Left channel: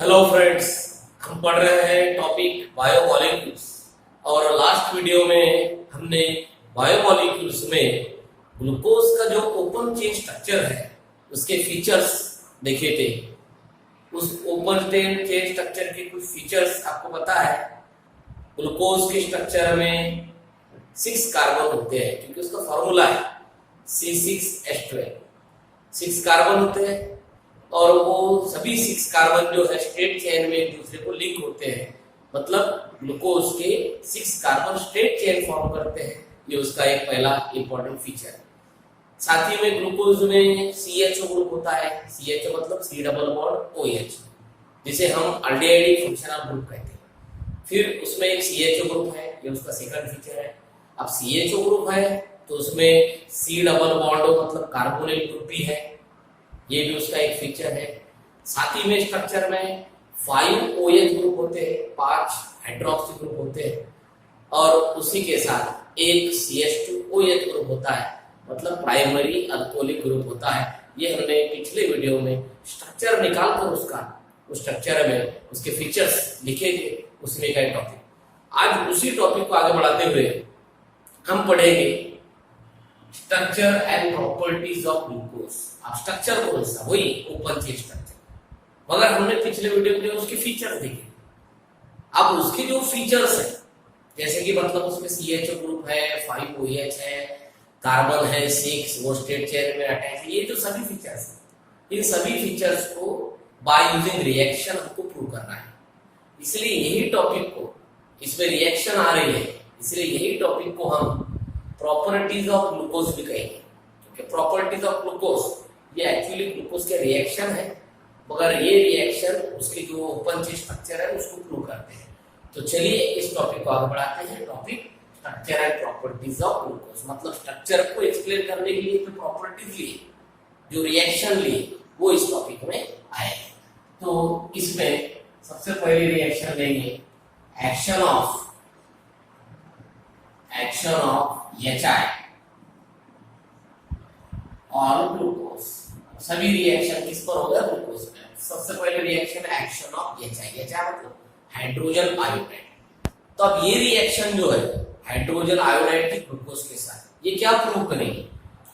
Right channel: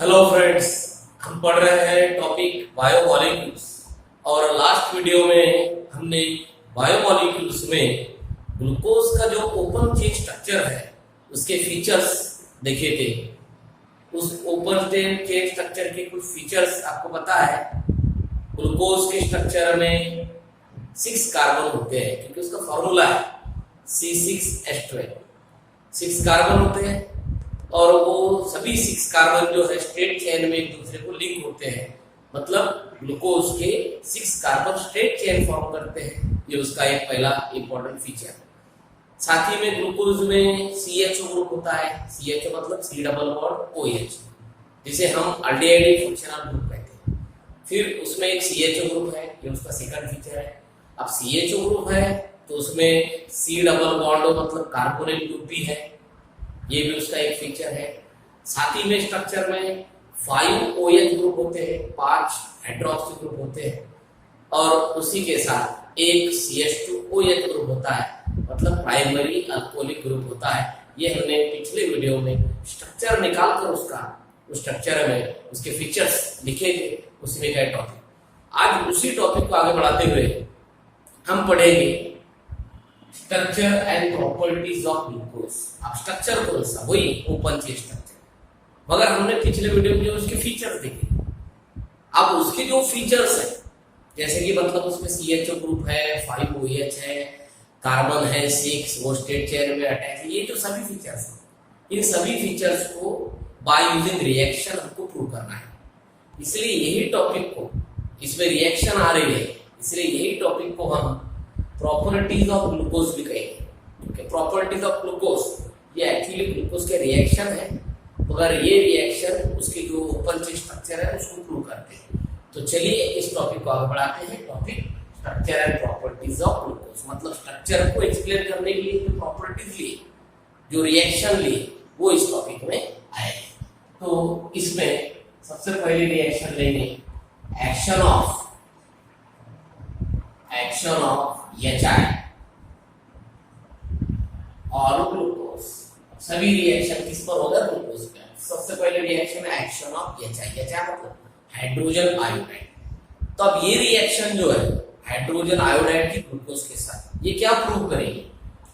Hello friends, हम पढ़ रहे हैं टॉपिक बायोमॉलिक्यूल्स और लास्ट वीडियो में हमने बायोमॉलिक्यूल्स में ग्लूकोज का जो ओपन चेन स्ट्रक्चर है उसके फीचर्स देखे थे। उस ओपन चेन स्ट्रक्चर के कुछ फीचर्स आपको पता है। ग्लूकोज के स्ट्रक्चर में 6 कार्बन होते हैं क्योंकि उसका फॉर्मूला है C6H12। 6 कार्बन होते हैं और वो सभी 6 कार्बन जो है स्ट्रेट चेन में एक दूसरे को लिंक होते हैं, मतलब ग्लूकोज के 6 कार्बन स्ट्रेट चेन फॉर्म करते हैं। ये उसका एक पहला इंपॉर्टेंट फीचर है। साथ ही में ग्लूकोज में CHO ग्रुप होता है। CHO मतलब C डबल बॉन्ड OH, जिसे हम अल्डिहाइड फंक्शनल ग्रुप कहते हैं। फिर उसमें एक CHO ग्रुप है, ये उसका सेकंड फीचर है। अब CHO ग्रुप है तो उसमें C डबल बॉन्ड मतलब कार्बोनिल ग्रुप भी है, ये भी उसका एक फीचर है। साथ ही में स्ट्रक्चर में 5 OH ग्रुप होते हैं, 5 हाइड्रोक्सी ग्रुप होते हैं और उसी के साथ एक CH2OH ग्रुप होता है, मतलब प्राइमरी अल्कोहलिक ग्रुप होता है। ये हमने पिछले वीडियो में स्ट्रक्चर निकाल कर उसका उस स्ट्रक्चर में उसके फीचर्स लिखे थे, उसमें का टॉपिक। आज उसी टॉपिक को आगे बढ़ाते हुए हम पढ़ेंगे structure and properties of glucose. अब स्ट्रक्चर कौन सा? वही ओपन चेन स्ट्रक्चर, मगर हमने पिछले वीडियो में उसके फीचर्स देखे। अब उसके जो फीचर्स हैं, जैसे कि मतलब उसमें CHO ग्रुप है, 5 OH है, कार्बन है 6, वो स्ट्रेट चेन में अटैच है, ये जो सभी फीचर्स हैं, इन सभी फीचर्स को बाय यूजिंग रिएक्शन हमको प्रूव करना है। इसलिए यही टॉपिक को, इसमें रिएक्शन आ रही है, इसलिए यही टॉपिक को हम प्रॉपर्टीज ऑफ ग्लूकोज भी कहेंगे। प्रॉपर्टीज ऑफ ग्लूकोज ये एक्चुअली ग्लूकोज के रिएक्शन है, मगर ये रिएक्शन उसके जो ओपन चेन स्ट्रक्चर है उसको प्रूव करते हैं। तो चलिए इस टॉपिक को आगे बढ़ाते हैं। Topic structure and properties of glucose, मतलब स्ट्रक्चर को एक्सप्लेन करने के लिए जो प्रॉपर्टीज लिए, जो रिएक्शन लिए, वो इस टॉपिक में आए। तो इसमें सबसे पहले रिएक्शन लेंगे एक्शन ऑफ HI और ग्लूकोज। सभी रिएक्शन किस पर होगा? ग्लूकोज पे। सबसे पहले रिएक्शन है एक्शन ऑफ HI मतलब हाइड्रोजन आयोडाइड। तो अब ये रिएक्शन जो है हाइड्रोजन आयोडाइड की ग्लूकोज के साथ, ये क्या प्रूव करेगी?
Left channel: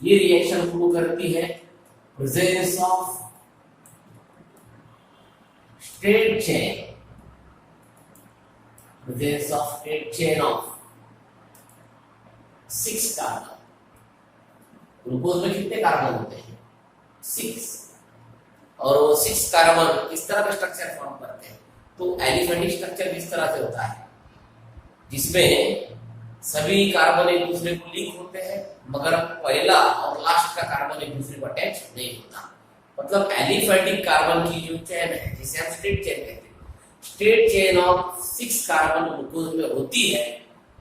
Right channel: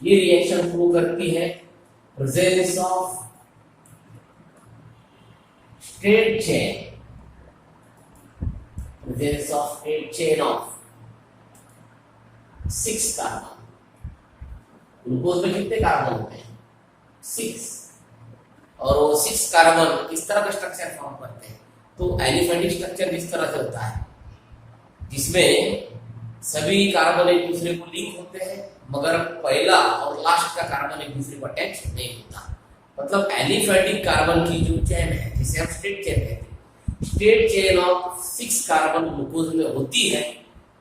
ये रिएक्शन प्रूव करती है presence of straight chain of 6 carbon. Glucose में कितने कार्बन होते हैं? 6। और वो 6 कार्बन किस तरह का स्ट्रक्चर फॉर्म करते हैं? तो एलिफेटिक स्ट्रक्चर किस तरह से होता है, जिसमें सभी कार्बन एक दूसरे को लिंक होते हैं, मगर पहला और लास्ट का कार्बन एक दूसरे को अटैच नहीं होता। मतलब एलिफेटिक कार्बन की जो चेन है, जिसे हम स्ट्रेट चेन कहते हैं, straight chain of 6 carbon glucose में होती है।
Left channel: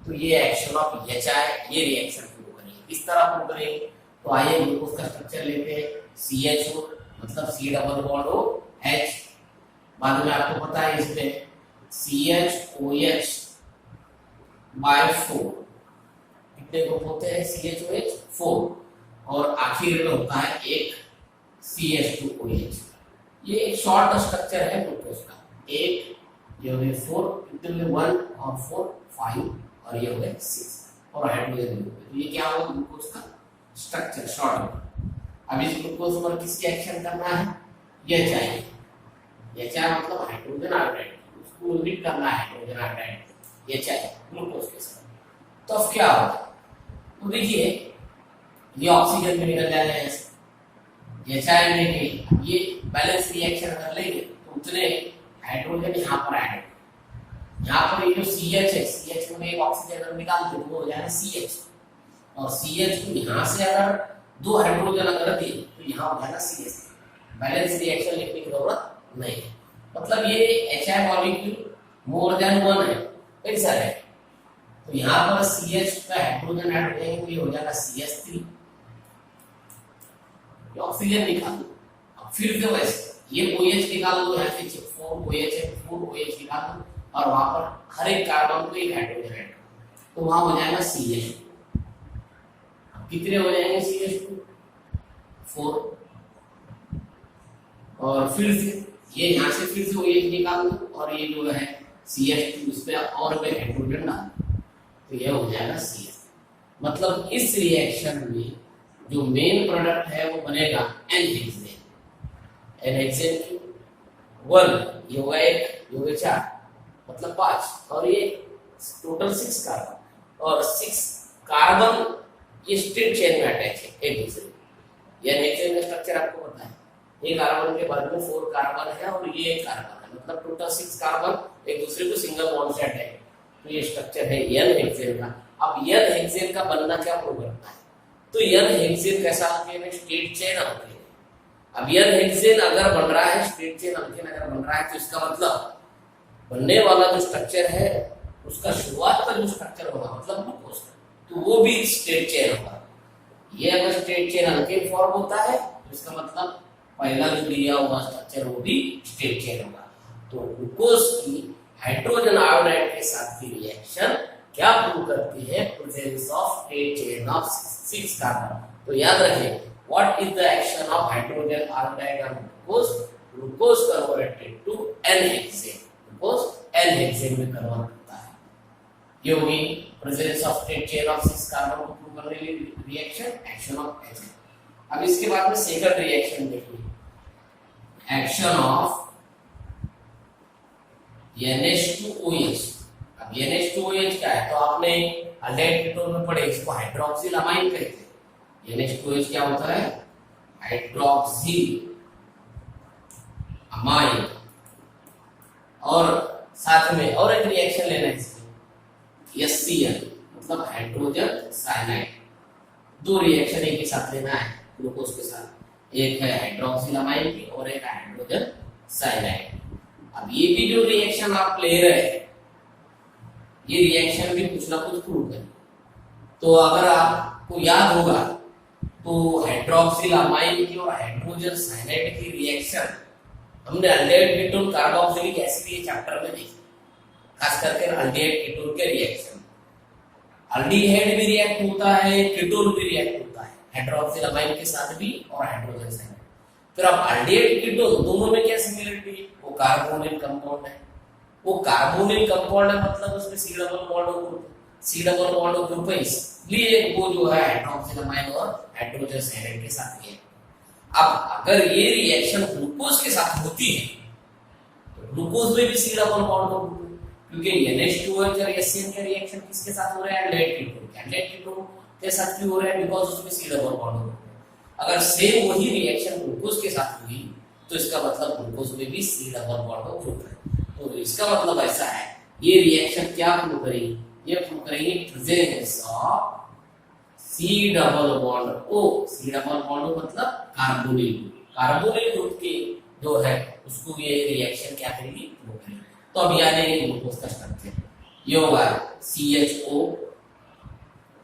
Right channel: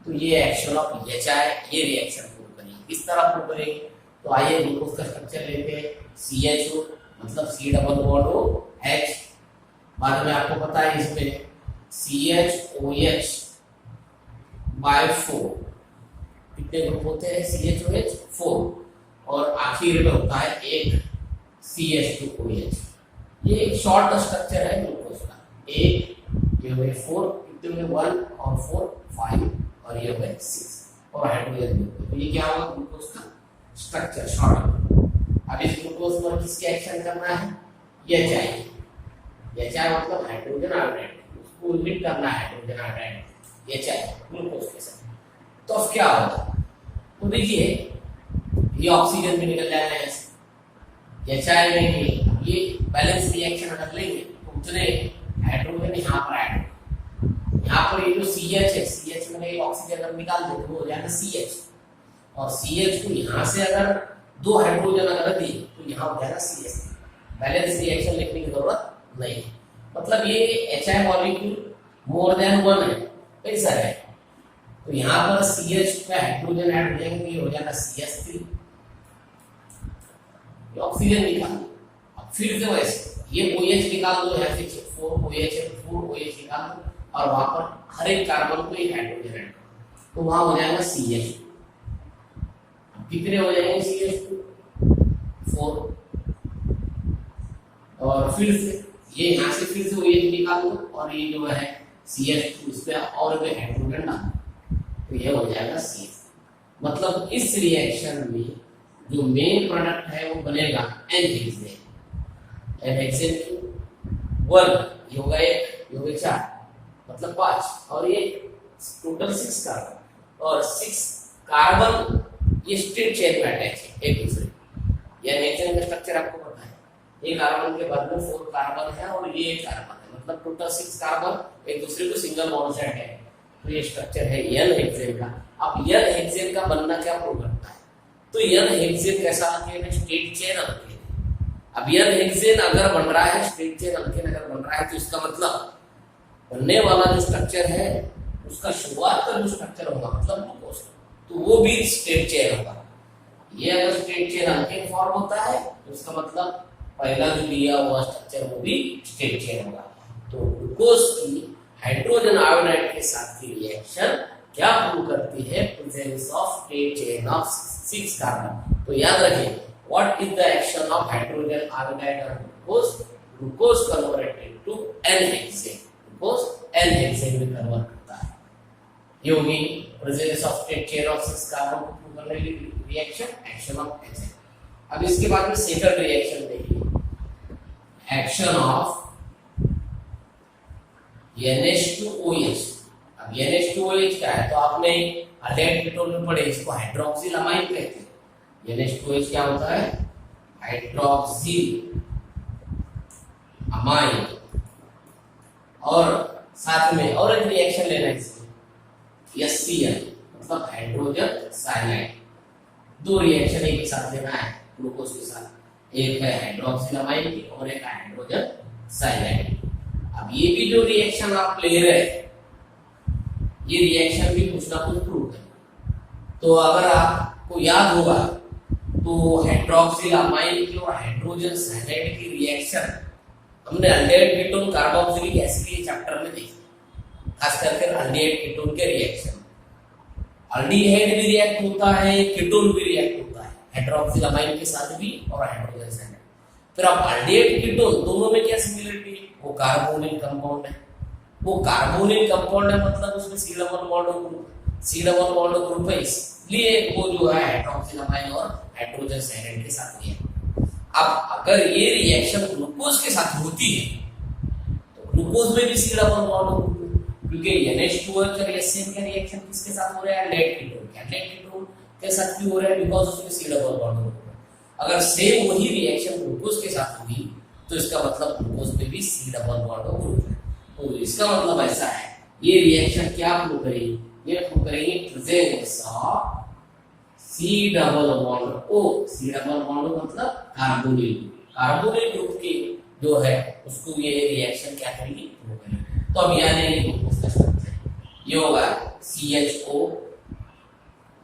तो ये एक्शन ऑफ HI, ये रिएक्शन प्रूव करेंगे। इस तरह प्रूव करेंगे। तो आइए ग्लूकोज का स्ट्रक्चर लेते हैं। CHO मतलब C डबल बॉन्ड OH, बाद में आपको पता है इसमें CHOH बाय 4 कितने ग्रुप होते हैं? CHOH 4, और आखिर में होता है एक CH2OH। ये एक शॉर्ट स्ट्रक्चर है ग्लूकोज का। एक ये हो गए 4, कितने में 1 और 4 5, और ये हो गए 6 और हाइड्रोजन ग्रुप। तो ये क्या होगा? ग्लूकोज का स्ट्रक्चर शॉर्ट। अब इस ग्लूकोज पर किसके एक्शन करना है? HI मतलब हाइड्रोजन आयोडाइड, उसको यूनिट करना है हाइड्रोजन आयोडाइड HI ग्लूकोज के साथ। तो अब क्या होगा? तो देखिए ये ऑक्सीजन में निकल जाएगा ऐसे, HI में ये बैलेंस रिएक्शन अगर लेंगे तो उतने हाइड्रोजन यहाँ पर ऐड होगा। यहाँ पर ये जो CH है, CH में एक ऑक्सीजन अगर निकाल दे तो हो जाएगा CH, और CH को यहाँ से अगर 2 हाइड्रोजन अगर दिए तो यहाँ हो जाएगा CH। बैलेंस रिएक्शन लिखने की जरूरत नहीं है। मतलब ये HI मॉलिक्यूल मोर देन 1 है, कई सारे है। तो यहाँ पर CH का हाइड्रोजन ऐड हो जाएंगे, ये हो जाएगा CH3। ऑक्सीजन निकाल दो। अब फिर से वैसे ये OH निकाल दो, यहाँ से 4 OH है, 4 OH निकाल दो, और वहां पर हर एक कार्बन को एक हाइड्रोजन ऐड, तो वहां हो जाएगा CH2। अब कितने हो जाएंगे CH2? 4। और फिर से ये यहाँ से फिर से OH निकाल दो और ये जो है CH2 इसमें और में हाइड्रोजन डाल तो ये हो जाएगा CH। मतलब इस रिएक्शन में जो मेन प्रोडक्ट है वो बनेगा N-हेक्सेन। N-हेक्सेन की 1 ये होगा 1, ये होगा 4 मतलब 5 और ये टोटल 6 कार्बन और 6 कार्बन ये स्ट्रेट चेन में अटैच है एक दूसरे। N-हेक्सेन का स्ट्रक्चर आपको पता है, एक कार्बन के बाद में 4 कार्बन है और ये एक कार्बन है, मतलब टोटल 6 कार्बन एक दूसरे को सिंगल बॉन्ड से अटैच है। तो ये स्ट्रक्चर है N-हेक्सेन का। अब N-हेक्सेन का बनना क्या प्रूव करता है? तो N-हेक्सेन कैसा अल्केन है? स्ट्रेट चेन अल्केन है। अब N-हेक्सेन अगर बन रहा है, स्ट्रेट चेन अल्केन अगर बन रहा है तो इसका मतलब बनने वाला जो स्ट्रक्चर है उसका शुरुआत का जो स्ट्रक्चर होगा मतलब ग्लूकोज तो वो भी स्ट्रेट चेन होगा। ये अगर स्ट्रेट चेन अल्केन फॉर्म होता है तो इसका मतलब पहला जो दिया हुआ स्ट्रक्चर वो भी स्ट्रेट चेन होगा। तो ग्लूकोज की हाइड्रोजन आयोडाइड के साथ की रिएक्शन क्या प्रूव करती है? Presence of straight chain of 6 carbon. तो याद रखें, what is the action of hydrogen iodide on glucose? Glucose converted to n hexane, glucose n hexane में कन्वर्ट करता है। ये होगी presence of straight chain of 6 carbon को प्रूव करने वाली रिएक्शन, एक्शन ऑफ N-हेक्सेन। अब इसके बाद में सेकंड रिएक्शन देखिए, एक्शन ऑफ NH2OH। अब NH2OH क्या है? तो आपने अल्डेहाइड कीटोन में पढ़े, इसको हाइड्रोक्सिल अमाइन कहते हैं। NH2OH क्या होता है? Hydroxyl amine. और साथ में और एक रिएक्शन लेना है इसमें, HCl मतलब हाइड्रोजन साइनाइड। 2 रिएक्शन एक ही साथ लेना है ग्लूकोज के साथ, एक है हाइड्रोक्सिल अमाइन की और एक है हाइड्रोजन साइनाइड। अब ये भी जो रिएक्शन आप ले रहे हैं ये रिएक्शन भी कुछ ना कुछ प्रूव है। तो अगर आपको याद होगा तो हाइड्रोक्सिल अमाइन की और हाइड्रोजन साइनाइड की रिएक्शन हमने अल्डेहाइड कीटोन कार्बोक्सिलिक एसिड के चैप्टर में देखी, खास करके अल्डेहाइड कीटोन के रिएक्शन। अल्डिहाइड भी रिएक्ट होता है, कीटोन भी रिएक्ट होता है, हाइड्रोक्सिल अमाइन के साथ भी और हाइड्रोजन साइनाइड। फिर अब अल्डेहाइड कीटोन दोनों में क्या सिमिलरिटी है? वो कार्बोनिल कंपाउंड है। वो कार्बोनिल कंपाउंड है मतलब उसमें C डबल बॉन्ड ग्रुप है, इसलिए वो जो है हाइड्रोक्सिल अमाइन और हाइड्रोजन साइनाइड के साथ है। अब अगर ये रिएक्शन ग्लूकोज के साथ होती है तो ग्लूकोज में भी C डबल बॉन्ड होगा, क्योंकि NH2OH और HCl का रिएक्शन किसके साथ हो रहा है? अल्डेहाइड कीटोन के। अल्डेहाइड कीटोन के साथ क्यों हो रहा है? बिकॉज उसमें C डबल बॉन्ड होगा। अगर सेम वही रिएक्शन ग्लूकोज के साथ हुई तो इसका मतलब ग्लूकोज में भी C डबल बॉन्ड ग्रुप है। तो इसका मतलब ऐसा है, ये रिएक्शन क्या प्रूव करेगी? ये प्रूव करेगी presence of C double bond O। C double bond मतलब कार्बोनिल ग्रुप की जो है उसको ये रिएक्शन क्या करेगी? प्रूव करेगी। तो अब याद है ग्लूकोज का स्ट्रक्चर ये होगा CHO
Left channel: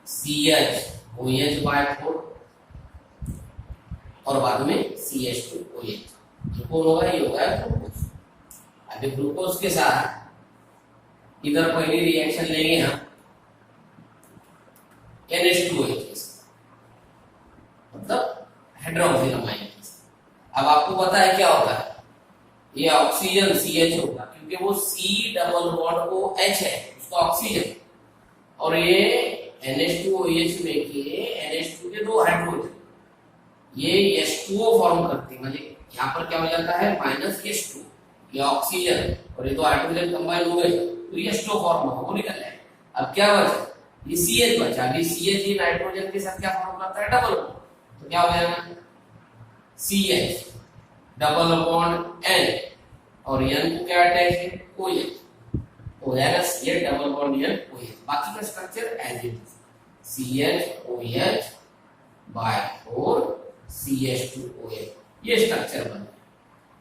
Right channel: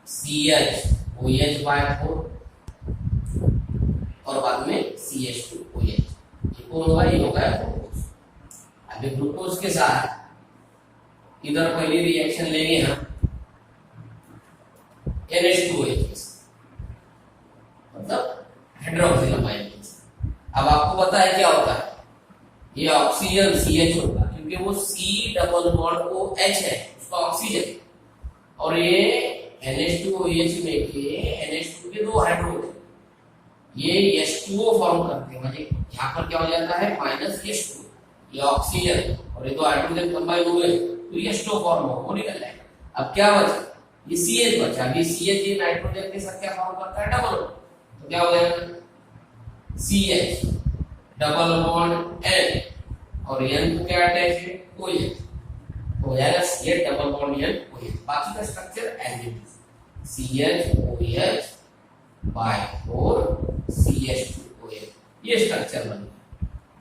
CHOH by 4 और बाद में CH2OH। ये कौन होगा? ये होगा ग्लूकोज। अभी ग्लूकोज के साथ इधर पहले रिएक्शन लेंगे हम NH2OH मतलब हाइड्रोक्सिल अमाइन। अब आपको पता है क्या होता है? ये ऑक्सीजन CH होगा क्योंकि वो C डबल बॉन्ड OH है, उसका ऑक्सीजन, और ये NH2OH में के NH2 के 2 हाइड्रोजन ये H2O फॉर्म करते हैं। मतलब यहाँ पर क्या हो जाता है? -H2, ये ऑक्सीजन और ये 2 हाइड्रोजन कंबाइन हो गए तो ये H2O फॉर्म होगा, वो निकल जाएगा। अब क्या बचा? ये CH बचा। ये CH ये नाइट्रोजन के साथ क्या फॉर्म करता है? डबल। तो क्या हो जाएगा? CH डबल बॉन्ड N और N को क्या अटैच है? OH। हो जाएगा CH double bond N OH। बाकी का structure as it is, CH OH by 4 CH2OH, ये स्ट्रक्चर बन गया।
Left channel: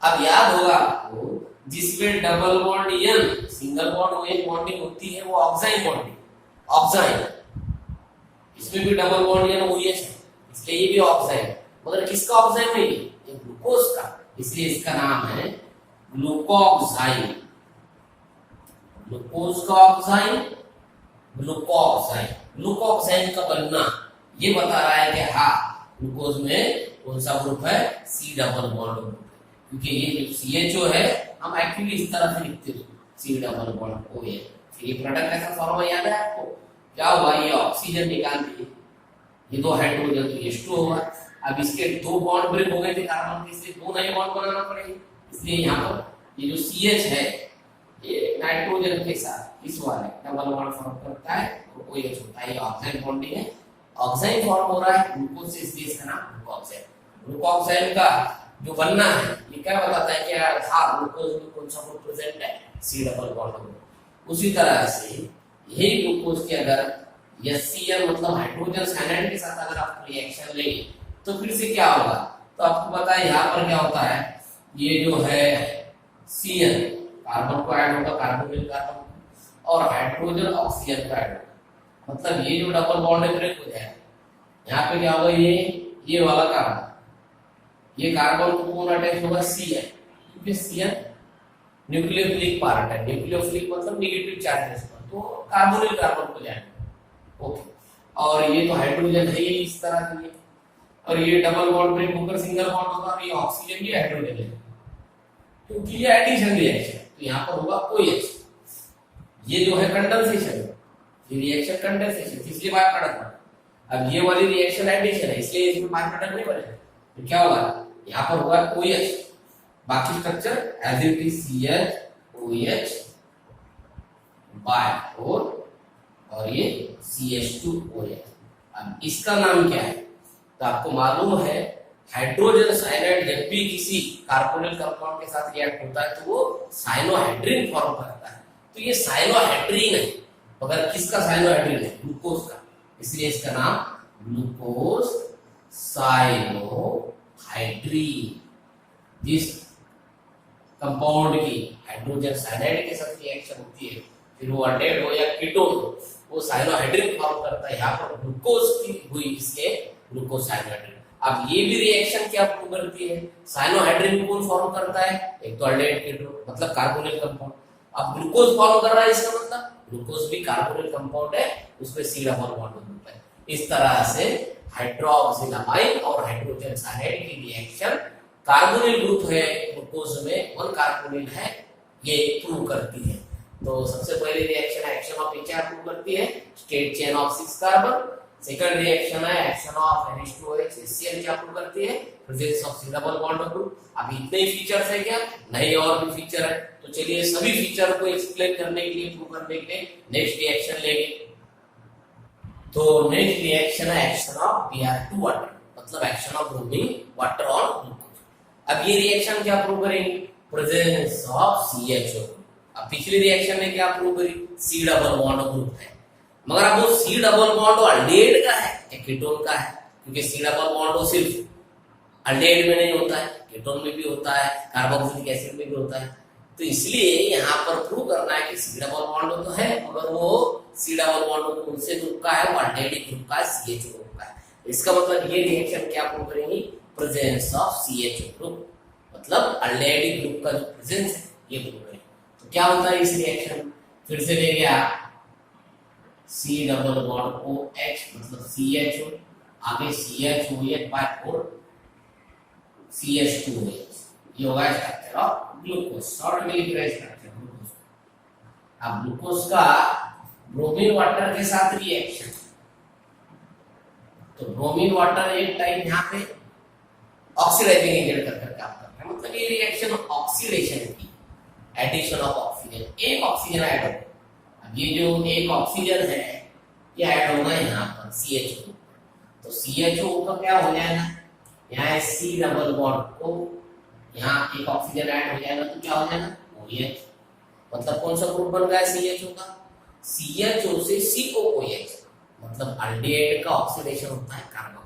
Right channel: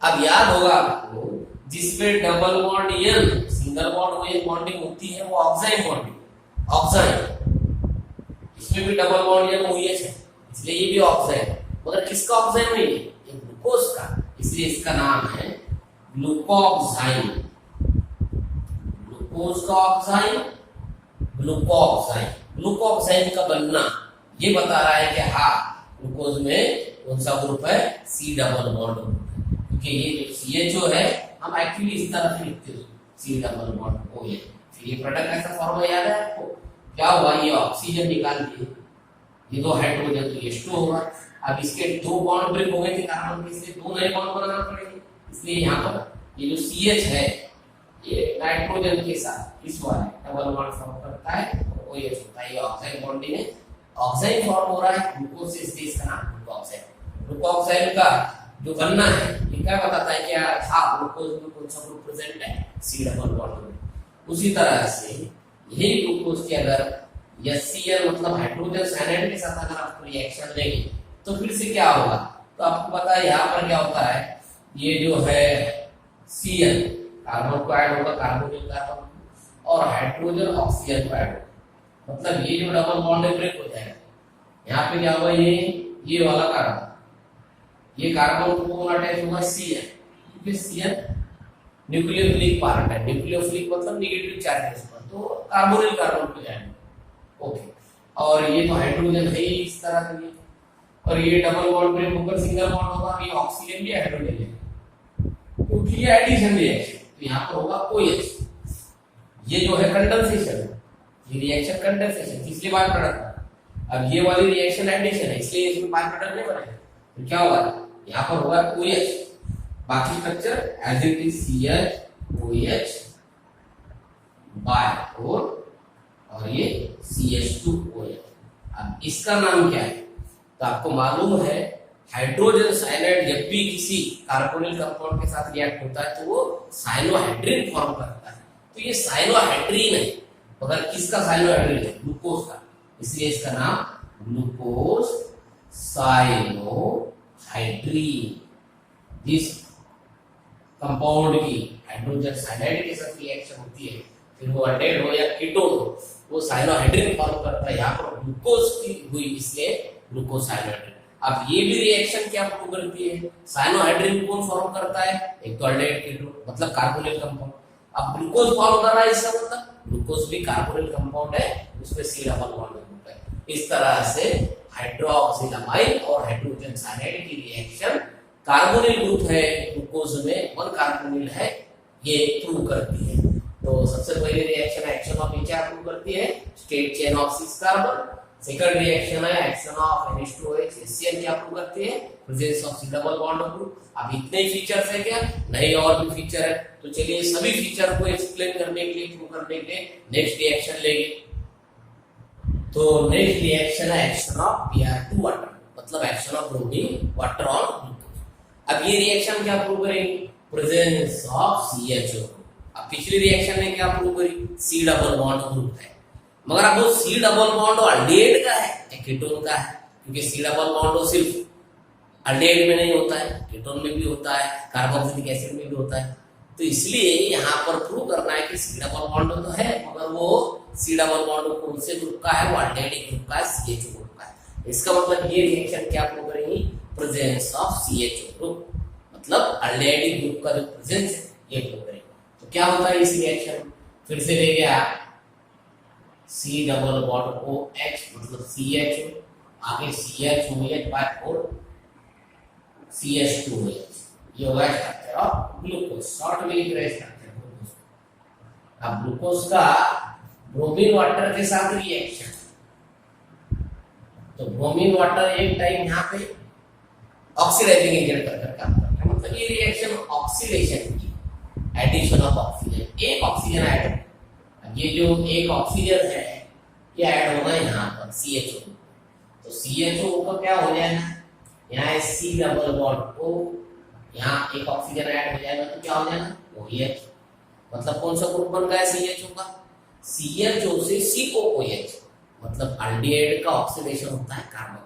अब याद होगा आपको, जिसमें double bond N single bond OH bonding होती है वो ऑक्साइन बॉन्डिंग, ऑक्साइन। इसमें भी डबल बॉन्ड N OH है, इसलिए ये भी ऑक्साइन। मगर किसका ऑक्साइन है? ये ग्लूकोज का, इसलिए इसका नाम है ग्लूकोक्साइन। ग्लूकोज का ऑक्साइन, ग्लूकोक्साइन का बनना ये बता रहा है कि हाँ ग्लूकोज में कौन सा ग्रुप है? C डबल बॉन्ड ग्रुप है, क्योंकि ये जो CHO है हम एक्चुअली इस तरह से लिखते हैं C डबल बॉन्ड OH। फिर ये प्रोडक्ट कैसा फॉर्म याद है आपको? क्या हुआ, ये ऑक्सीजन निकाल दिए, ये दो हाइड्रोजन तो H2 होगा। अब इसके दो बॉन्ड ब्रेक हो गए थे कार्बन के, इसलिए दो नए बॉन्ड बनाना पड़ेंगे। इसलिए यहाँ पर ये जो CH है ये नाइट्रोजन के साथ इस वाले डबल बॉन्ड फॉर्म करता है और OH होता है। ये ऑक्साइड बॉन्डिंग है, ऑक्साइड फॉर्म हो रहा है ग्लूकोज से, इसलिए इसका नाम ग्लूकोक्साइड। ग्लूकोक्साइड का जो बनना है ये क्या बताता है, क्या था ग्लूकोज में कौन सा ग्रुप प्रेजेंट है, C डबल बॉन्ड ग्रुप। उसी तरह से यही ग्लूकोज के अगर HCl मतलब हाइड्रोजन साइनाइड के साथ अगर आप रिएक्शन लेंगे तो फिर से क्या होगा, तो आपको पता है यहाँ पर क्या होता है, ये जो है Cl कार्बन को ऐड होगा, कार्बोनिल कार्बन, और हाइड्रोजन ऑक्सीजन को ऐड होगा। मतलब ये जो डबल बॉन्ड ब्रेक हो जाएगा, यहाँ पे क्या होगा, ये वाला कार्बन, ये कार्बन को कौन अटैच होगा, Cl, क्योंकि Cl न्यूक्लियोफिलिक पार्ट है, न्यूक्लियोफिलिक मतलब नेगेटिव चार्ज है इस पर, तो कार्बोनिल कार्बन को जाएगा। ओके, और ये तो हाइड्रोजन है ही इस तरह से ये, और ये डबल बॉन्ड ब्रेक होकर सिंगल बॉन्ड होगा, ये ऑक्सीजन ये हाइड्रोजन है, क्योंकि ये एडिशन रिएक्शन, तो यहाँ पर होगा OH। ये जो है कंडेंसेशन, ये रिएक्शन कंडेंसेशन, इसलिए बात कर रहा था। अब ये वाली रिएक्शन एडिशन है, इसलिए इसमें बात प्रोडक्ट नहीं बनेगा, तो क्या होगा, यहाँ पर होगा OH, बाकी structure as it is CH OH by 4 और ये CH2OH। अब इसका नाम क्या है, तो आपको मालूम है हाइड्रोजन साइनाइड जब भी किसी कार्बोनिल कंपाउंड के साथ रिएक्ट होता है तो वो साइनोहाइड्रिन फॉर्म करता है। तो ये साइनोहाइड्रिन है, मगर किसका साइनोहाइड्रिन है, ग्लूकोज का, इसलिए इसका नाम ग्लूकोज साइनोहाइड्रिन। जिस कंपाउंड की हाइड्रोजन साइनाइड के साथ रिएक्शन होती है, फिर वो अल्डेहाइड हो या कीटोन हो, वो साइनोहाइड्रिन फॉर्म करता है। यहाँ पर ग्लूकोज की हुई इसलिए ग्लूकोज साइनोहाइड्रिन। अब ये भी रिएक्शन क्या प्रूव करती है, साइनोहाइड्रिन कौन फॉर्म करता है, एक तो अल्डेहाइड कीटोन मतलब कार्बोनिल कंपाउंड। अब ग्लूकोज फॉर्म कर रहा है, इसका मतलब ग्लूकोज भी कार्बोनिल कंपाउंड है, उसमें C डबल बॉन्ड ग्रुप है। इस तरह से हाइड्रोक्सिलामाइन और हाइड्रोजन साइनाइड की रिएक्शन कार्बोनिल ग्रुप है ग्लूकोज में, 1 कार्बोनिल है, ये प्रूव करती है। तो सबसे पहले रिएक्शन है एक्शन ऑफ एच प्रूव करती है, straight chain of 6 carbon. Second reaction है एक्शन ऑफ NH2OH HCl क्या प्रूव करती है, presence of C double bond group. अब इतने ही फीचर्स है क्या, नहीं और भी फीचर है। तो चलिए सभी फीचर को एक्सप्लेन करने के लिए, प्रूव करने के लिए नेक्स्ट रिएक्शन लेंगे। तो नेक्स्ट रिएक्शन है एक्शन ऑफ Br2 वाटर, मतलब action of bromine water on glucose. अब ये रिएक्शन क्या प्रूव करेंगे, प्रेजेंस ऑफ CHO। अब पिछली रिएक्शन में क्या प्रूव करी, C डबल बॉन्ड ग्रुप है, मगर अब वो C डबल बॉन्ड अल्डेहाइड का है कीटोन का है, क्योंकि C डबल बॉन्ड सिर्फ अल्डेहाइड में नहीं होता है, कीटोन में भी होता है, कार्बोक्सिलिक एसिड में भी होता है। तो इसलिए यहाँ पर प्रूव करना है कि C डबल बॉन्ड तो है, मगर वो C डबल बॉन्ड कौन से ग्रुप का है, वो अल्डेहाइड ग्रुप का है, CHO ग्रुप का है। इसका मतलब ये रिएक्शन क्या प्रूव करेंगी, प्रेजेंस ऑफ CHO ग्रुप, मतलब अल्डेहाइड ग्रुप का जो प्रेजेंस है ये प्रूव करेंगे। तो क्या होता है इस रिएक्शन, फिर से देंगे आप C डबल बॉन्ड OH मतलब CHO, आगे CHOOH बाय 4 CH2OH, ये होगा स्ट्रक्चर ऑफ ग्लूकोज, शॉर्ट में लिख रहे हैं स्ट्रक्चर ग्लूकोज। अब ग्लूकोज का ब्रोमीन वाटर के साथ रिएक्शन, तो ब्रोमीन वाटर एक टाइप यहाँ पे ऑक्सीडाइजिंग एजेंट कर काम करता है, मतलब ये रिएक्शन ऑक्सीडेशन की, एडिशन ऑफ ऑक्सीजन, एक ऑक्सीजन ऐड हो। अब ये जो एक ऑक्सीजन है ये ऐड होगा यहाँ पर CHO, तो CHO का क्या हो जाएगा, यहाँ C डबल बॉन्ड को यहाँ एक ऑक्सीजन ऐड हो जाएगा, तो क्या हो जाएगा OH, मतलब कौन सा ग्रुप बन गया CHO का, CHO से COOH, मतलब अल्डेहाइड का ऑक्सीडेशन होता है कार्बन।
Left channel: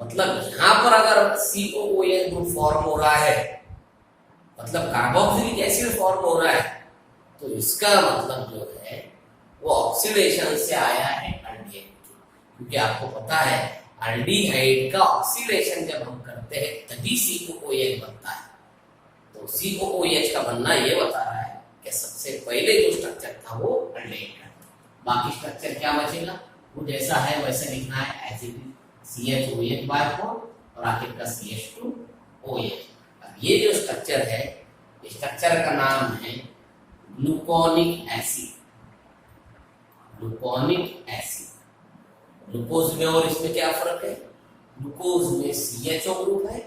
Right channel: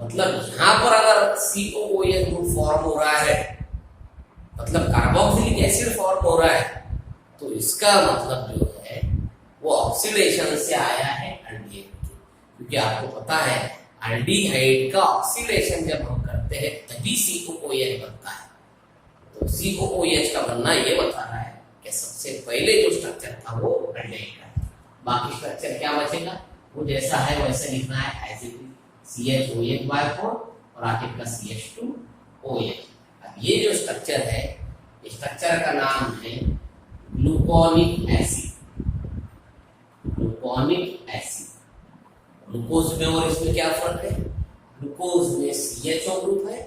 मतलब यहाँ पर अगर COOH ग्रुप फॉर्म हो रहा है, मतलब कार्बोक्सिलिक एसिड फॉर्म हो रहा है, तो इसका मतलब जो है वो ऑक्सीडेशन से आया है अल्डेहाइड, क्योंकि आपको पता है अल्डिहाइड का ऑक्सीडेशन जब हम करते हैं तभी COOH बनता है। तो COOH का बनना ये बता रहा है कि सबसे पहले जो स्ट्रक्चर था वो अल्डेहाइड का, बाकी स्ट्रक्चर क्या बचेगा, वो जैसा है वैसे लिखना है, as it is CHOH by 4 और आखिर का CH2OH। ये जो स्ट्रक्चर है, स्ट्रक्चर का नाम है gluconic acid. Gluconic acid, glucose में और इसमें क्या फर्क है? ग्लूकोज में CHO ग्रुप है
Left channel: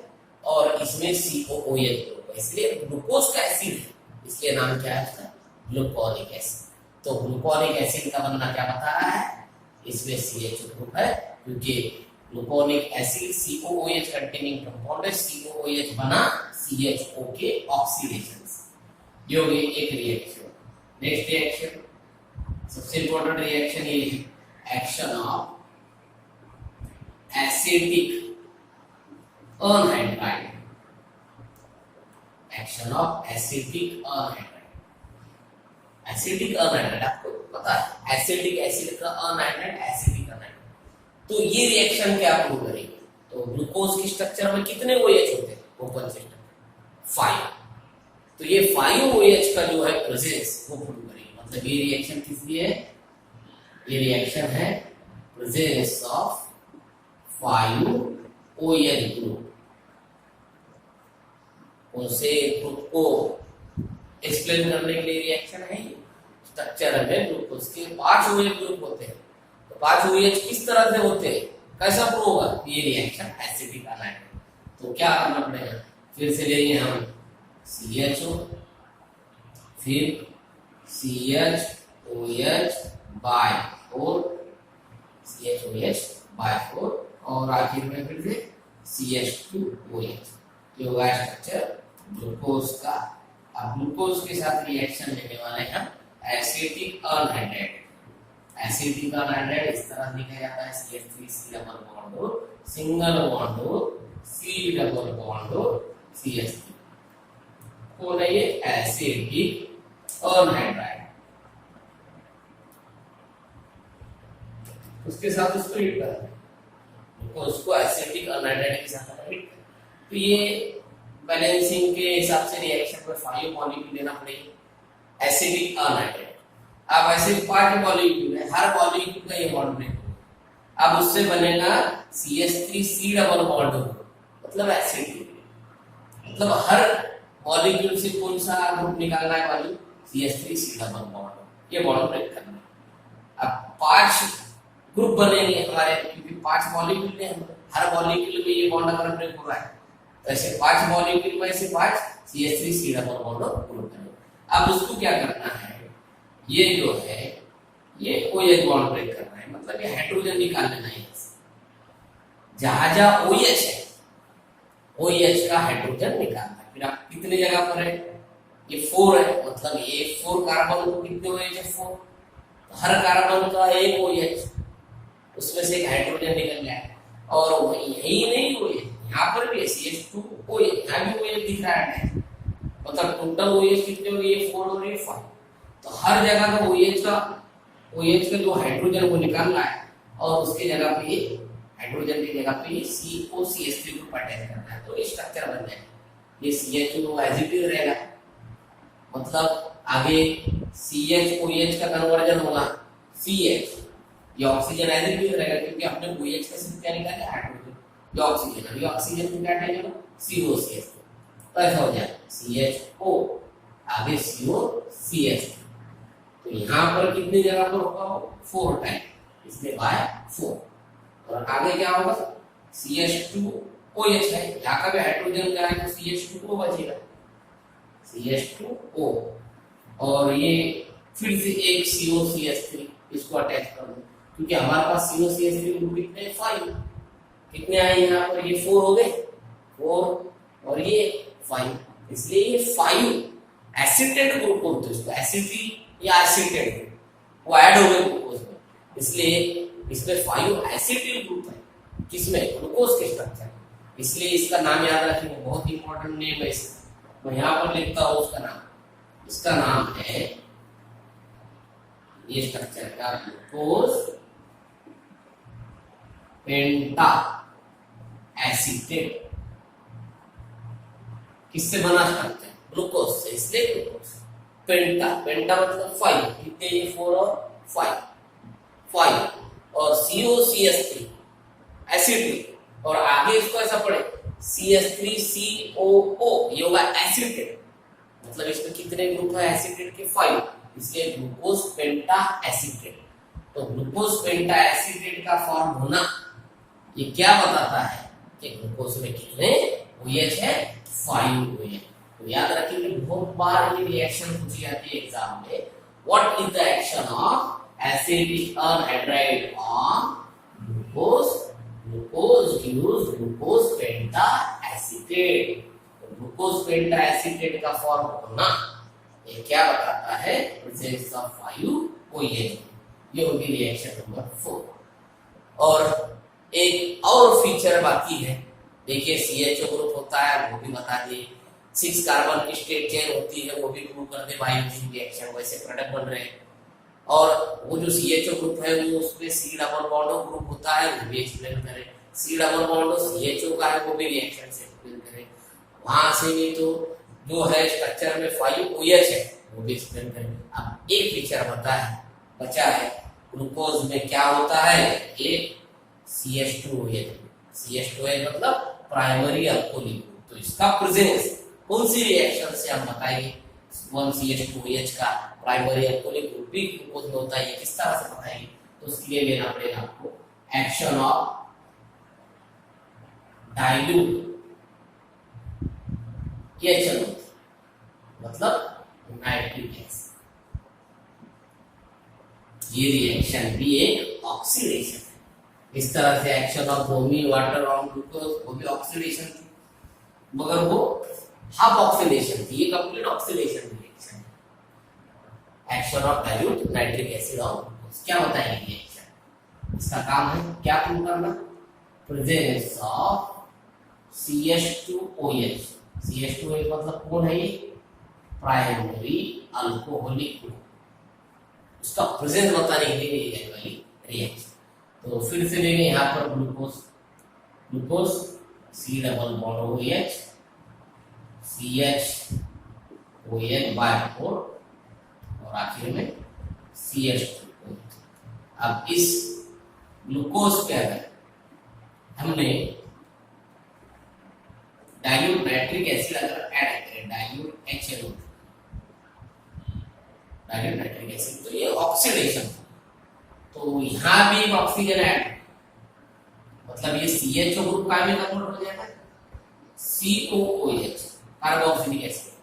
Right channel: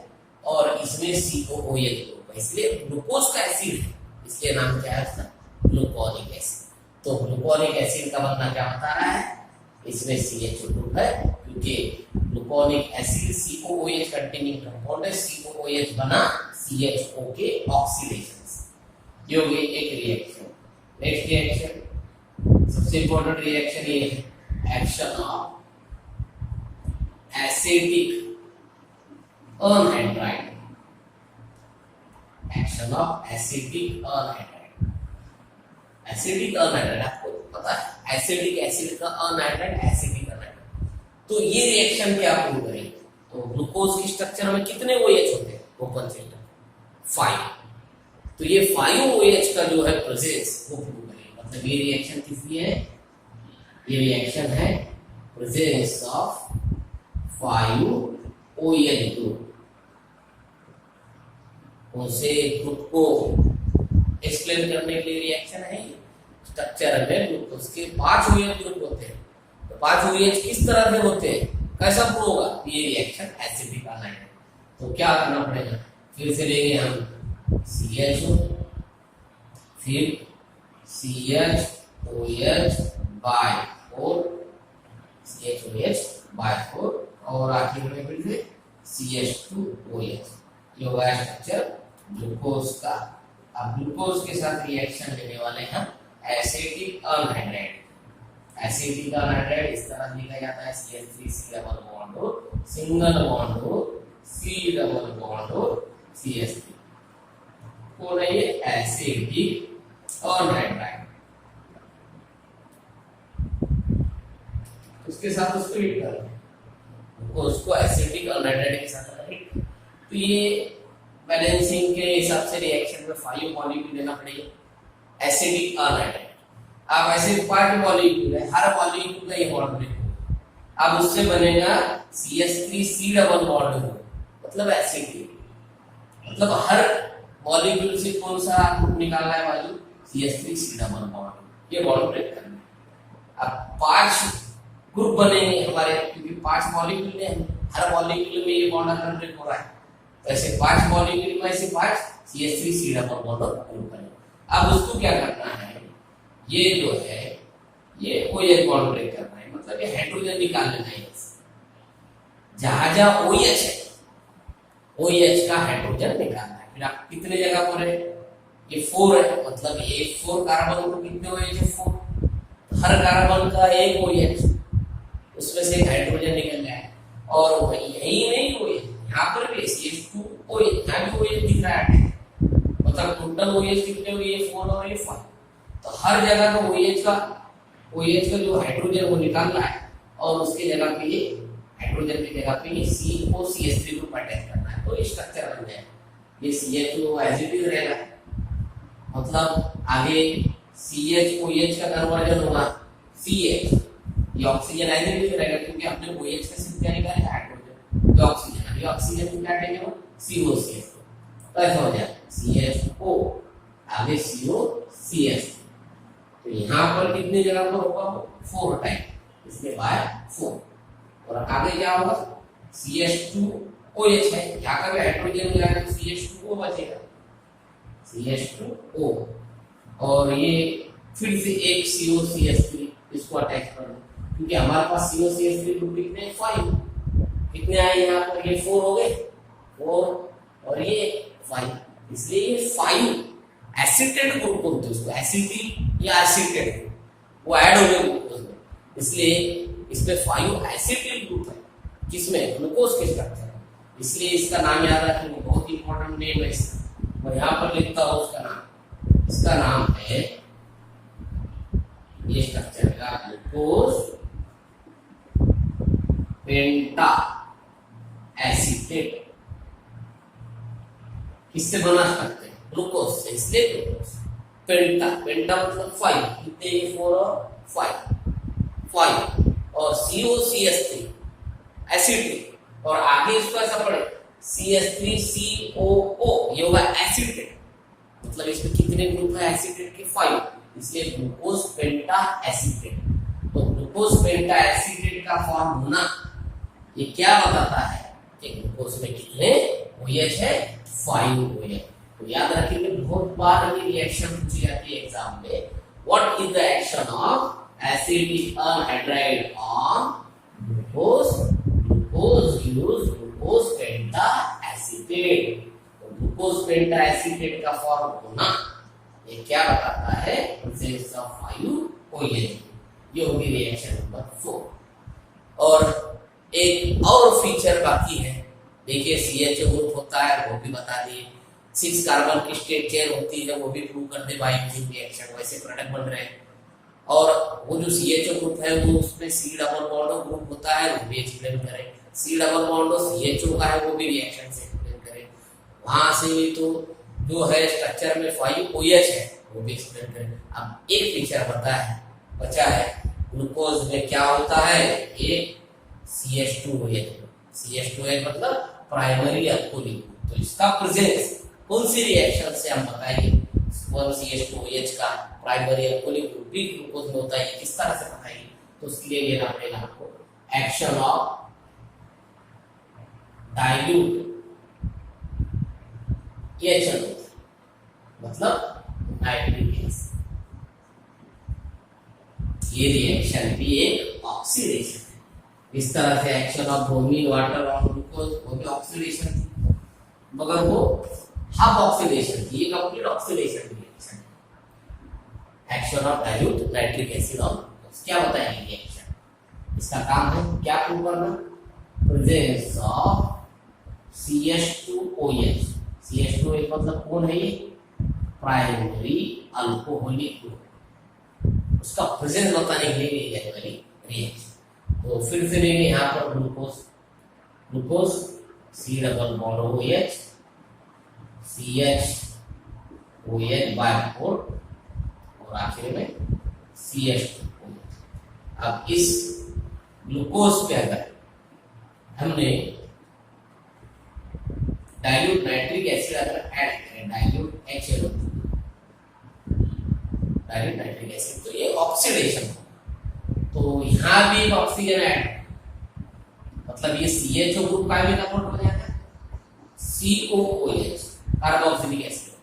और इसमें COOH ग्रुप है, इसलिए ग्लूकोज का एसिड है, इसलिए नाम क्या है इसका? Gluconic acid. तो ग्लूकोनिक एसिड का बनना क्या बता रहा है? इसमें CHO ग्रुप है, क्योंकि gluconic acid COOH containing compound है, COOH बना CHO के ऑक्सीडेशन से। ये हो गई एक रिएक्शन। नेक्स्ट रिएक्शन, सबसे इंपॉर्टेंट रिएक्शन ये है action of acetic anhydride. Action of acetic anhydride. Acetic anhydride आपको पता है, एसिडिक एसिड का अनहाइड्राइड, एसिटिक अनहाइड्राइड। तो ये रिएक्शन क्या प्रूव करेगी? तो ग्लूकोज की स्ट्रक्चर में कितने OH होते हैं? Open chain 5। तो ये 5 OH का जो है प्रेजेंस वो प्रूव करेगी। मतलब ये रिएक्शन किस लिए है? ये रिएक्शन है प्रेजेंस ऑफ 5 OH ग्रुप। उनसे ग्रुप को एक्सप्लेन करने के लिए रिएक्शन है। स्ट्रक्चर में ग्लूकोज के 5 OH ग्रुप होते हैं। तो 5 OH किस तरह से होते हैं? कैसा प्रूव होगा? ये रिएक्शन एसिडिक अनहाइड्राइड। तो क्या करना पड़ेगा? फिर से लेंगे हम CHO, फिर CHOH by 4, CHOH by 4 और आखिर में फिर से CH2OH। ये होगा स्ट्रक्चर ग्लूकोज का। अब ग्लूकोज के साथ रिएक्शन लेने वाले हम एसिटिक अनहाइड्राइड। एसिटिक अनहाइड्राइड इस तरह लिखा जाता है CH3C डबल बॉन्ड हो, सिंगल बॉन्ड हो, C डबल बॉन्ड हो, CH3 हो रही है एसिटिक अनहाइड्राइड। उसके साथ उसको हीट करना है, उसको एसिटिक अनहाइड्राइड के साथ हीट। तो ये बैलेंसिंग के हिसाब से रिएक्शन में 5 मॉलिक्यूल लेना पड़ेगा एसिडिक अनहाइड्राइड। अब ऐसे 5 मॉलिक्यूल है, हर मॉलिक्यूल का ये बॉन्ड ब्रेक होगा। अब उससे बनेगा CH3C डबल बॉन्ड होगा, मतलब एसिड। मतलब हर मॉलिक्यूल से कौन सा ग्रुप निकालना है? वाली CH3C डबल बॉन्ड, ये बॉन्ड ब्रेक करना है। अब 5 ग्रुप बनेंगे हमारे, क्योंकि 5 मॉलिक्यूल हैं, हर मॉलिक्यूल में ये बॉन्ड अगर ब्रेक हो रहा है तो ऐसे 5 मॉलिक्यूल में ऐसे 5 CH3C डबल बॉन्ड ग्रुप बनेगा। अब उसको क्या करना है? ये जो है ये OH बॉन्ड ब्रेक करना है, मतलब ये हाइड्रोजन निकाल लेना है। जहां जहां OH है, OH का हाइड्रोजन निकालना है। फिर आप कितने जगह पर है? ये 4 है, मतलब ये 4 कार्बन को कितने OH है? 4। तो हर कार्बन का एक OH, उसमें से एक हाइड्रोजन निकल जाए। और यही नहीं OH, यहाँ पर भी CH2OH, यहाँ भी OH दिख रहा है, मतलब टोटल OH कितने हुए? 4 और 5। तो हर जगह का OH का जो हाइड्रोजन वो निकालना है और उसके जगह पे हाइड्रोजन की जगह पे COCH3 ग्रुप अटैच करना है, तो ये स्ट्रक्चर बन जाएगा। ये CH2 एज इट इज रहेगा, मतलब आगे CHOH का कन्वर्जन होगा CH, ये ऑक्सीजन एज इट इज रहेगा, क्योंकि अपने OH का सिर्फ क्या निकाला है? हाइड्रोजन। ये ऑक्सीजन, अभी ऑक्सीजन को क्या अटैच होगा? COCH। तो ऐसा हो जाएगा CHO, आगे COCH। तो यहाँ पर कितनी जगह पर होगा? 4 टाइम, इसमें बाय 4। और आगे क्या होगा? CH2OH है, यहाँ का भी हाइड्रोजन क्या है? तो CH2O बचेगा, CH2O। और ये फिर से एक COCH3, इसको अटैच कर दो, क्योंकि हमारे पास COCH3 ग्रुप कितने हैं? 5। कितने आए यहाँ पर? ये 4 हो गए, 4 और ये 5, इसलिए ये 5 एसिटेट ग्रुप बोलते हैं उसको, एसिटिक या एसिटेट ग्रुप, वो ऐड हो गए ग्लूकोज में, इसलिए इसमें 5 एसिटिक ग्रुप है, जिसमें ग्लूकोज के स्ट्रक्चर है, इसलिए इसका नाम याद रखेंगे, बहुत इंपॉर्टेंट नेम है इसका। मैं यहाँ पर लिखता हूँ उसका नाम, इसका नाम है, ये स्ट्रक्चर का ग्लूकोज पेंटा एसिटेट। किससे बना स्ट्रक्चर? ग्लूकोज से, इसलिए ग्लूकोज। पेंटा, पेंटा मतलब 5, कितने? 4 और 5 और COCH3 एसिटिक, और आगे इसको ऐसा पढ़े CH3COO, ये होगा एसिटेट, मतलब इसमें कितने ग्रुप है एसिटेट के 5, इसलिए ग्लूकोज पेंटा एसिटेट। तो ग्लूकोज पेंटा एसिटेट का फॉर्म होना ये क्या बताता है कि ग्लूकोज में कितने OH है, 5 OH। तो याद रखिए बहुत बार ये रिएक्शन पूछी जाती है एग्जाम में, what is the action of acidic anhydride on glucose, glucose gives glucose penta acetate. तो ग्लूकोज पेंटा एसिटेट का फॉर्म होना ये क्या बताता है, प्रेजेंस ऑफ 5 OH। ये होगी रिएक्शन नंबर 4। और एक और फीचर बाकी है, देखिए CHO ग्रुप होता है वो भी बता दिए, 6 कार्बन की स्टेट चेन होती है वो भी प्रूव कर दे बाय यूजिंग रिएक्शन, वैसे प्रोडक्ट बन रहे हैं। और वो जो CHO ग्रुप है वो उसमें C डबल बॉन्ड ग्रुप होता है वो भी एक्सप्लेन करें, C डबल बॉन्ड CHO का है वो भी रिएक्शन से एक्सप्लेन करें। वहां से भी तो जो है स्ट्रक्चर में 5 OH है वो भी एक्सप्लेन करें। अब एक फीचर बचा है ग्लूकोज में क्या होता है, एक CH2OH, CH2OH मतलब प्राइमरी अल्कोहल ग्रुप। तो इसका प्रेजेंस कौन सी रिएक्शन से हम बताएंगे, 1CH2OH का प्राइमरी अल्कोहल ग्रुप भी ग्लूकोज में होता है, ये किस तरह से बताएंगे, तो उसके लिए लेना पड़ेगा आपको एक्शन ऑफ डाइल्यूट HNO, मतलब नाइट्रिक एसिड। ये रिएक्शन भी एक ऑक्सीडेशन है। इस तरह से action of bromine water on glucose वो भी ऑक्सीडेशन, मगर वो हाफ ऑक्सीडेशन थी, ये complete oxidation reaction. Action of dilute nitric acid on glucose क्या होता है ये रिएक्शन, इसका काम है क्या प्रूव करना, प्रेजेंस ऑफ CH2OH। CH2OH मतलब कौन है ये, प्राइमरी अल्कोहलिक ग्रुप, उसका प्रेजेंस बताने के लिए जाने वाली रिएक्शन। तो फिर से लेंगे यहाँ पर glucose, glucose C double bond OH, CH OH by 4 और आखिर में CH2OH। अब इस ग्लूकोज पे अगर हमने डाइल्यूट नाइट्रिक एसिड अगर ऐड करें, dilute HNO, dilute nitric acid, तो ये ऑक्सीडेशन, तो यहां भी एक ऑक्सीजन ऐड, मतलब ये CHO ग्रुप का भी कन्वर्ट हो जाता है COOH कार्बोक्सिलिक एसिड,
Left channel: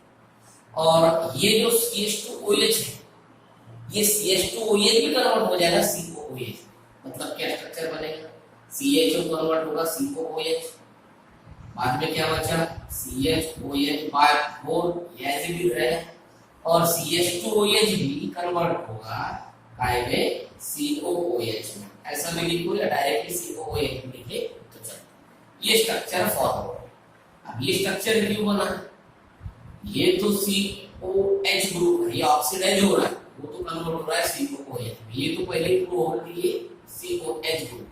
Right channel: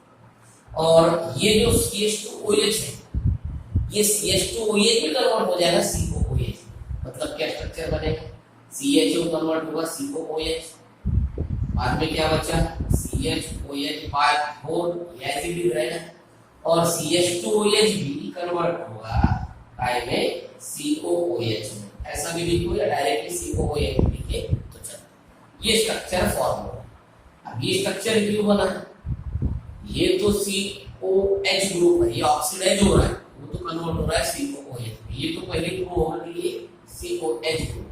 और ये जो CH2OH है ये CH2OH भी कन्वर्ट हो जाएगा COOH, मतलब क्या स्ट्रक्चर बनेगा, CHO कन्वर्ट होगा COOH, बाद में क्या बचा CHOH बाय 4 एसिड रहेगा, और CH2OH भी कन्वर्ट होगा काय में COOH में, ऐसा भी लिखो या डायरेक्टली COOH लिखे तो चलो। ये स्ट्रक्चर फॉर्म होगा। अब ये स्ट्रक्चर क्यों बना, ये तो COH ग्रुप है, ये ऑक्सीडाइज हो रहा है, वो तो कन्वर्ट हो रहा है COOH, ये तो पहले ही प्रूव हो गई है COH ग्रुप।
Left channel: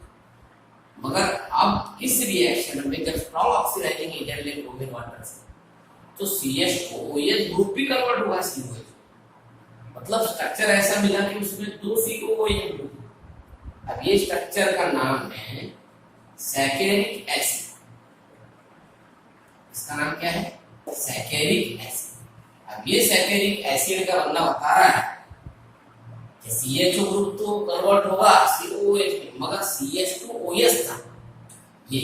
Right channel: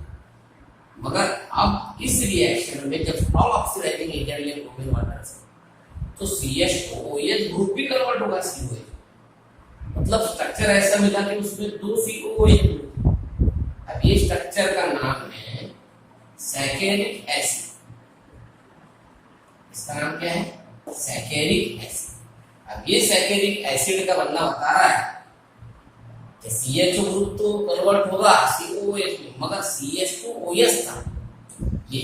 मगर अब इस रिएक्शन में जब स्ट्रॉन्ग ऑक्सीडाइजिंग एजेंट ले ब्रोमीन वाटर से, तो CH2OH ग्रुप भी कन्वर्ट होगा COH, मतलब स्ट्रक्चर ऐसा मिला कि उसमें 2 COOH ग्रुप। अब ये स्ट्रक्चर का नाम है सैकेरिक एसिड, इसका नाम क्या है, सैकेरिक एसिड। अब ये सैकेरिक एसिड का बनना बता रहा है कि CHO ग्रुप तो कन्वर्ट होगा COOH में, मगर CH2OH था ये,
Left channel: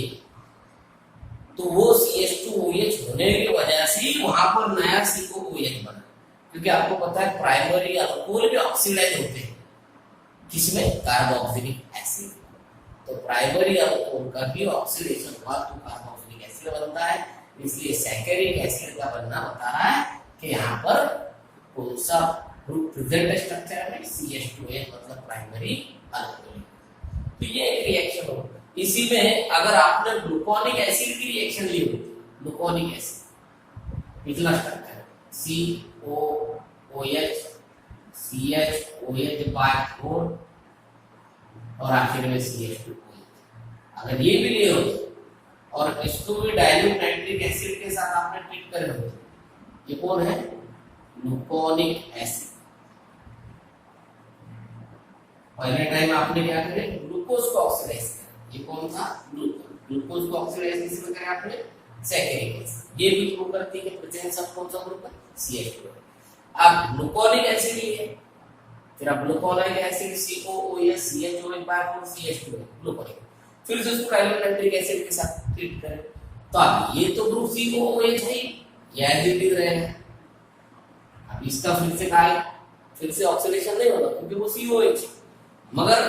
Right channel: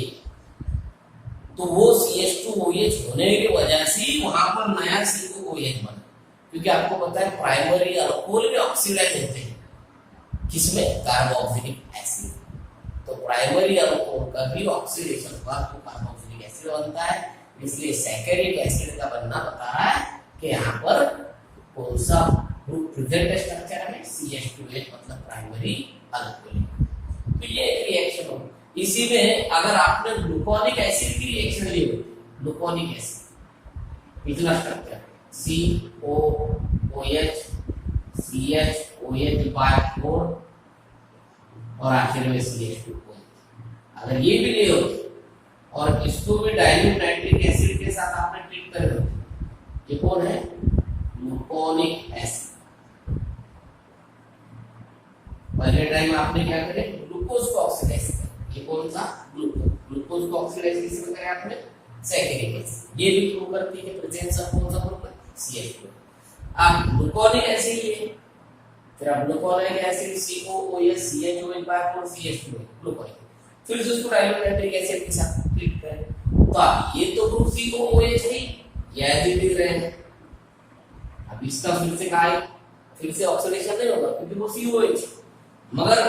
तो वो CH2OH होने की वजह से वहां पर नया COOH बना, क्योंकि आपको पता है प्राइमरी अल्कोहल भी ऑक्सीडाइज होते हैं, किसमें, कार्बोक्सिलिक एसिड। तो प्राइमरी अल्कोहल का भी ऑक्सीडेशन हुआ तो कार्बोक्सिलिक एसिड बनता है, इसलिए सैकेरिक एसिड का बनना बता रहा है कि यहाँ पर कौन सा ग्रुप प्रेजेंट स्ट्रक्चर में CH2OH मतलब प्राइमरी अल्कोहल। तो ये एक रिएक्शन हो। इसी में अगर आपने ग्लूकोनिक एसिड की रिएक्शन ली हो, ग्लूकोनिक एसिड पिछला स्ट्रक्चर COOH CHOH बाय 4 और आखिर में CH2OH, अगर ये भी ले हो और इसको भी डाइल्यूट नाइट्रिक एसिड के साथ आपने ट्रीट करे हो, ये कौन है, ग्लूकोनिक एसिड। पहले टाइम आपने क्या करे, ग्लूकोज को ऑक्सीडाइज किया, ये कौन सा, ग्लूकोज, ग्लूकोज को ऑक्सीडाइज किसमें करें आपने, सैकरिक एसिड। ये भी प्रूव करती है कि प्रेजेंस ऑफ कौन सा ग्रुप है, CH2। अब ग्लूकोनिक एसिड लिए, फिर अब gluconic acid COOH CH2 by CH2 gluconic, फिर से उसको डाइल्यूनाइट्रिक एसिड के साथ ट्रीट करें, तो अब ये तो ग्रुप COOH है, ये एज इट इज रहेगा। अब इसका फिर से कहा है, फिर से ऑक्सीडेशन नहीं होगा क्योंकि वो COH है, मगर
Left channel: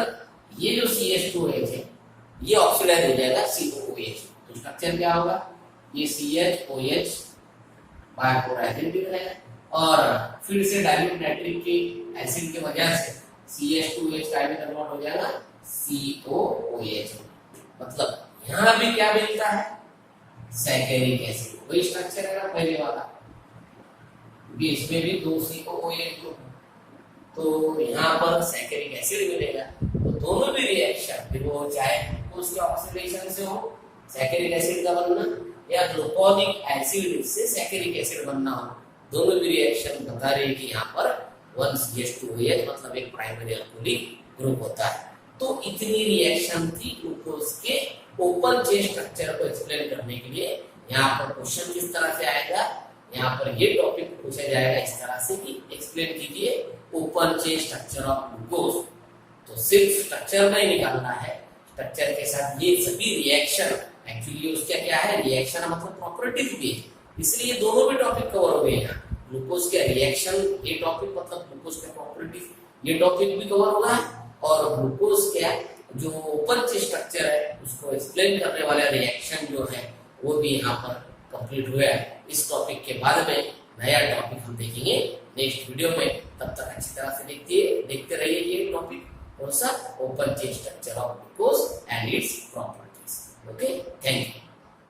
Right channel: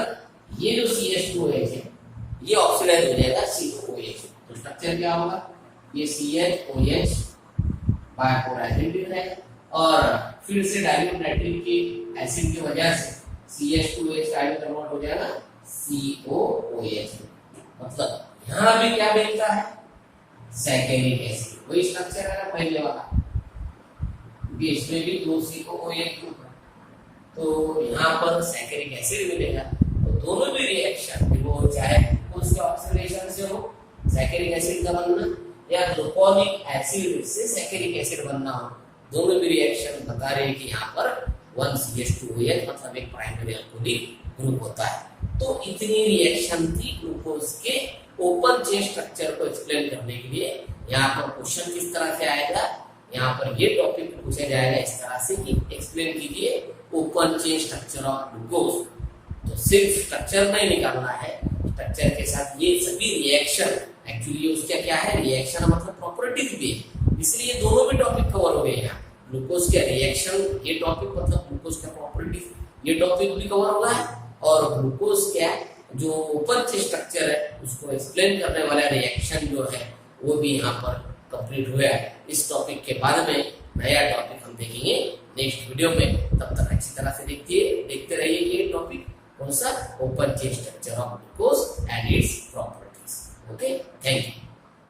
ये जो CH2OH है ये ऑक्सीडाइज हो जाएगा COOH। तो स्ट्रक्चर क्या होगा, ये CHOH by 4 as it is रहेगा, और फिर से डाइल्यूट नाइट्रिक के एसिड की वजह से CH2OH डाइल्यूट कन्वर्ट हो जाएगा COOH। मतलब यहाँ भी क्या मिलता है, सैकरिक एसिड, वही स्ट्रक्चर है ना पहले वाला, इसमें भी 2 COOH ग्रुप है, तो यहाँ पर सैकरिक एसिड मिलेगा। तो दोनों भी रिएक्शन, फिर वो चाहे उसके ऑक्सीडेशन से हो सैकरिक एसिड का बनना, या ग्लूकोनिक एसिड से सैकरिक एसिड बनना हो, दोनों भी रिएक्शन बता रहे हैं कि यहाँ पर 1CH2OH मतलब एक प्राइमरी अल्कोहलिक ग्रुप होता है। तो इतनी रिएक्शन थी ग्लूकोज के ओपन चेन स्ट्रक्चर को एक्सप्लेन करने के लिए। यहाँ पर क्वेश्चन किस तरह से आएगा, यहाँ पर ये टॉपिक पूछा जाएगा इस तरह से कि एक्सप्लेन कीजिए open chain structure of glucose. तो सिर्फ स्ट्रक्चर नहीं निकालना है, स्ट्रक्चर के साथ ये सभी रिएक्शन, एक्चुअली उसका क्या है, रिएक्शन मतलब प्रॉपर्टीज भी है, इसलिए दोनों भी टॉपिक कवर हो गए यहाँ। ग्लूकोज के रिएक्शन ये टॉपिक मतलब ग्लूकोज का प्रॉपर्टीज ये टॉपिक भी कवर होगा, और ग्लूकोज क्या जो ओपन चेन स्ट्रक्चर है उसको एक्सप्लेन करने वाला रिएक्शन जो है वो भी यहाँ पर कंप्लीट हुआ है। इस टॉपिक के बाद में नया टॉपिक हम देखेंगे नेक्स्ट वीडियो में, तब तक अच्छी तरह से देखते रहिए ये टॉपिक कौन सा, open chain structure of glucose and its properties. Okay, thank you.